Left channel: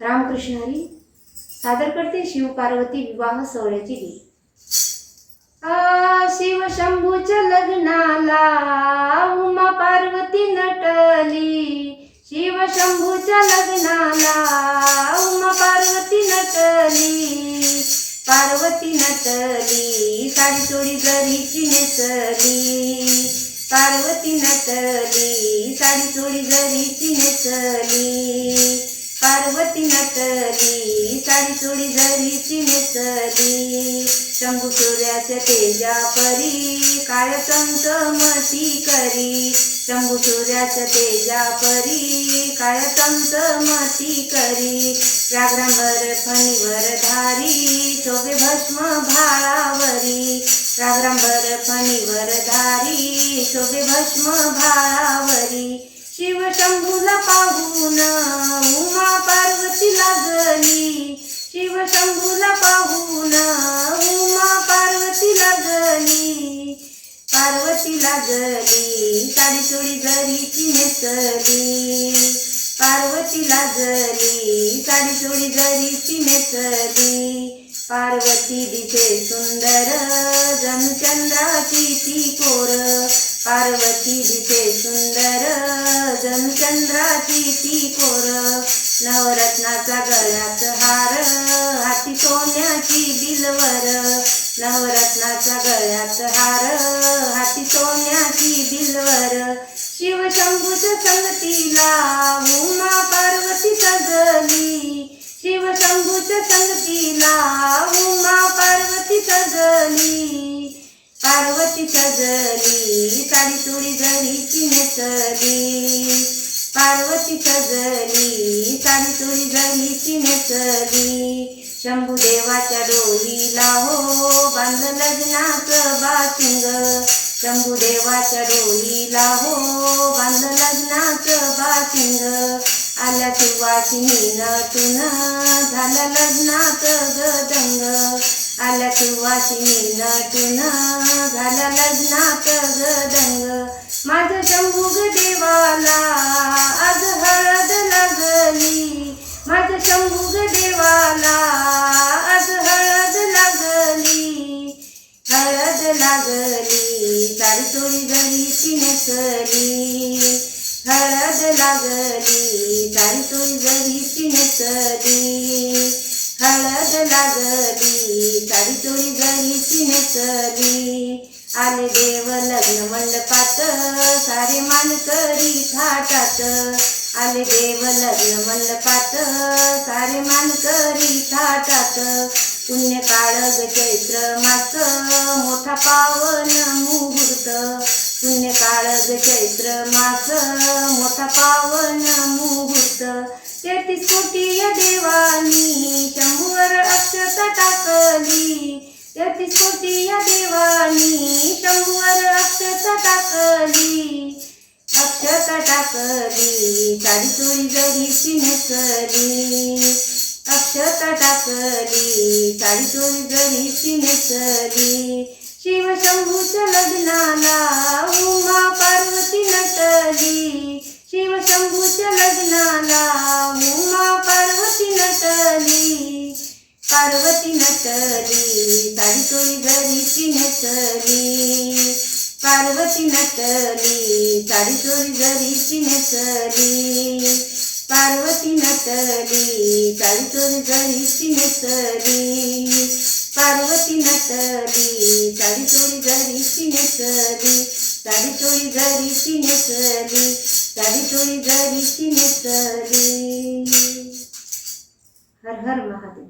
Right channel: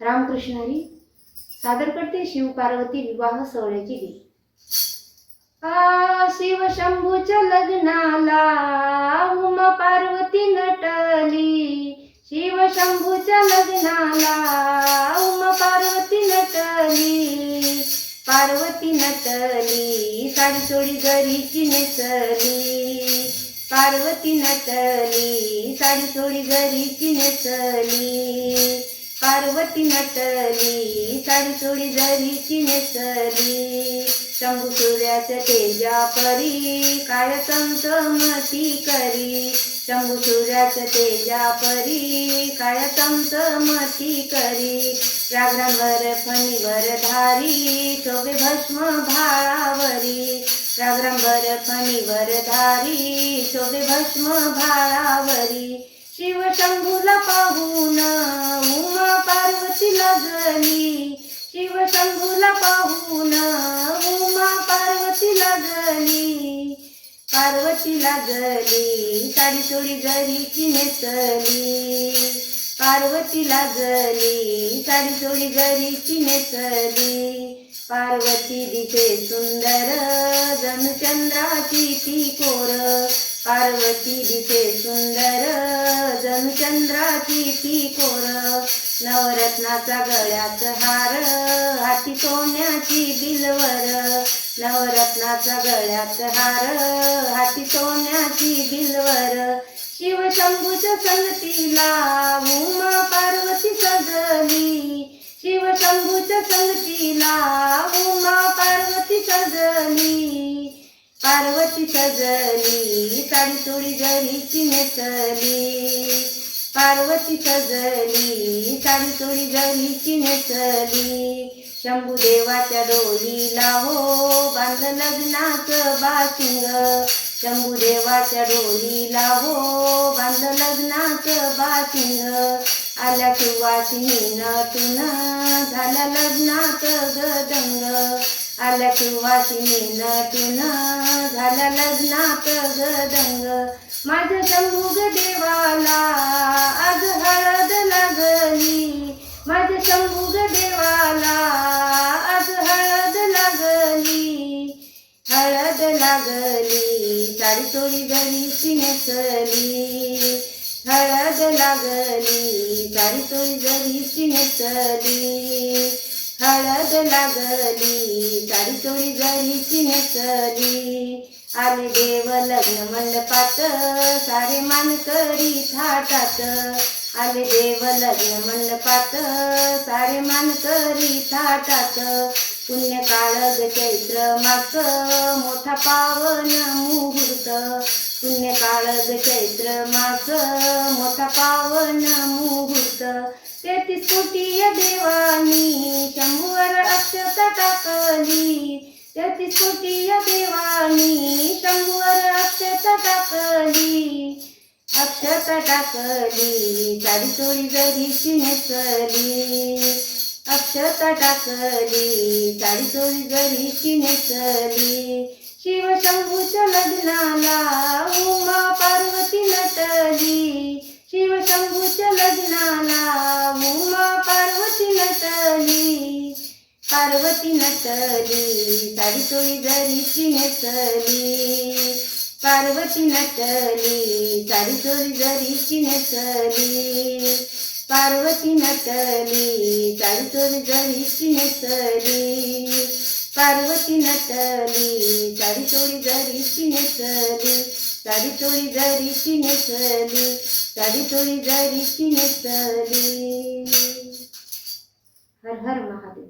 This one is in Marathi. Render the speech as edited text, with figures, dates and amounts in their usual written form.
रामकृष्ण हरी सादर करते शिव पार्वती विवाह सोहळ्याची गीत। शिव शंभूच्या लग्नाला उमा पार्वती नटली, शिव शंभूच्या लग्नाला उमा पार्वती नटली, पार्वती नटली साडी चोळी जरीची नेसली, पार्वती नटली साडी चोळी जरीची नेसली, पार्वती नटली साडी चोळी जरीची नेसली, शंभू सूर्याच्या तेजा परी काय चमचमती करी, शंभू सूर्याच्या तेजा परी काय चमचमती करी, व्याघ्रांवर फणीवर धारी शोभे भस्म भाळावरी, व्याघ्रांवर फणीवर धारी शोभे भस्म भाळावरी, शिव शंभूला पाहून उमा पार्वती लागली, शिव शंभूला पाहून उमा पार्वती लागली, पार्वती लागली साडी चोळी जरीची नेसली, पार्वती लागली साडी चोळी जरीची नेसली, पार्वती दिसे सुंदर जणू चंद्राची ती कोर, पार्वती दिसे सुंदर जणू चंद्राची ती कोर, नवरत्नाचा गळ्यात हार हाती सोन्याची बिलवर, नवरत्नाचा गळ्यात हार हाती सोन्याची बिलवर, शिव शंभूच्या संगतीला उमा पार्वती सजली, शिव शंभूच्या संगतीला उमा पार्वती सजली, पार्वती सजली साडी चोळी जरीची नेसली, पार्वती सजली साडी चोळी जरीची नेसली, शंभू देवाच्या डोलीला हो बांधलं लग्नाचं बाशिंग, शंभू देवाच्या डोलीला हो बांधलं लग्नाचं बाशिंग, आल्या सुवासिनी नटून झाला लग्नाचं गदंग, आल्या सुवासिनी नटून झाला लग्नाचं गदंग, माझ्या शंभू देवाला आज हळद लागली, माझ्या शंभू देवाला आज हळद लागली, हळद लागली साडी चोळी जरीची नेसली, हळद लागली साडी चोळी जरीची नेसली, हळद लागली साडी चोळी जरीची नेसली, आले देव लग्न मंडपात सारे मानकरी थाटात, आले देव लग्न मंडपात सारे मानकरी थाटात, पुण्य काळग चैत्र मास मोठा पावन मुहूर्त, पुण्य काळग चैत्र मास मोठा पावन मुहूर्त, 33 कोटी देवानी शंभूवर अक्षता टाकली, 33 कोटी देवानी शंभूवर अक्षता टाकली, अक्षता टाकली साडी चोळी जरीची नेसली, अक्षता टाकली साडी चोळी जरीची नेसली, शिव शंभूच्या लग्नाला उमा पार्वती नटली, शिव शंभूच्या लग्नाला उमा पार्वती नटली, पार्वती नटली साडी चोळी जरीची नेसली, पार्वती नटली साडी चोळी जरीची नेसली, पार्वती नटली साडी चोळी जरीची नेसली, पार्वती नटली साडी चोळी जरीची नेसली, साडी चोळी जरीची नेसली, साडी चोळी जरीची नेसली। हर हर महादेव।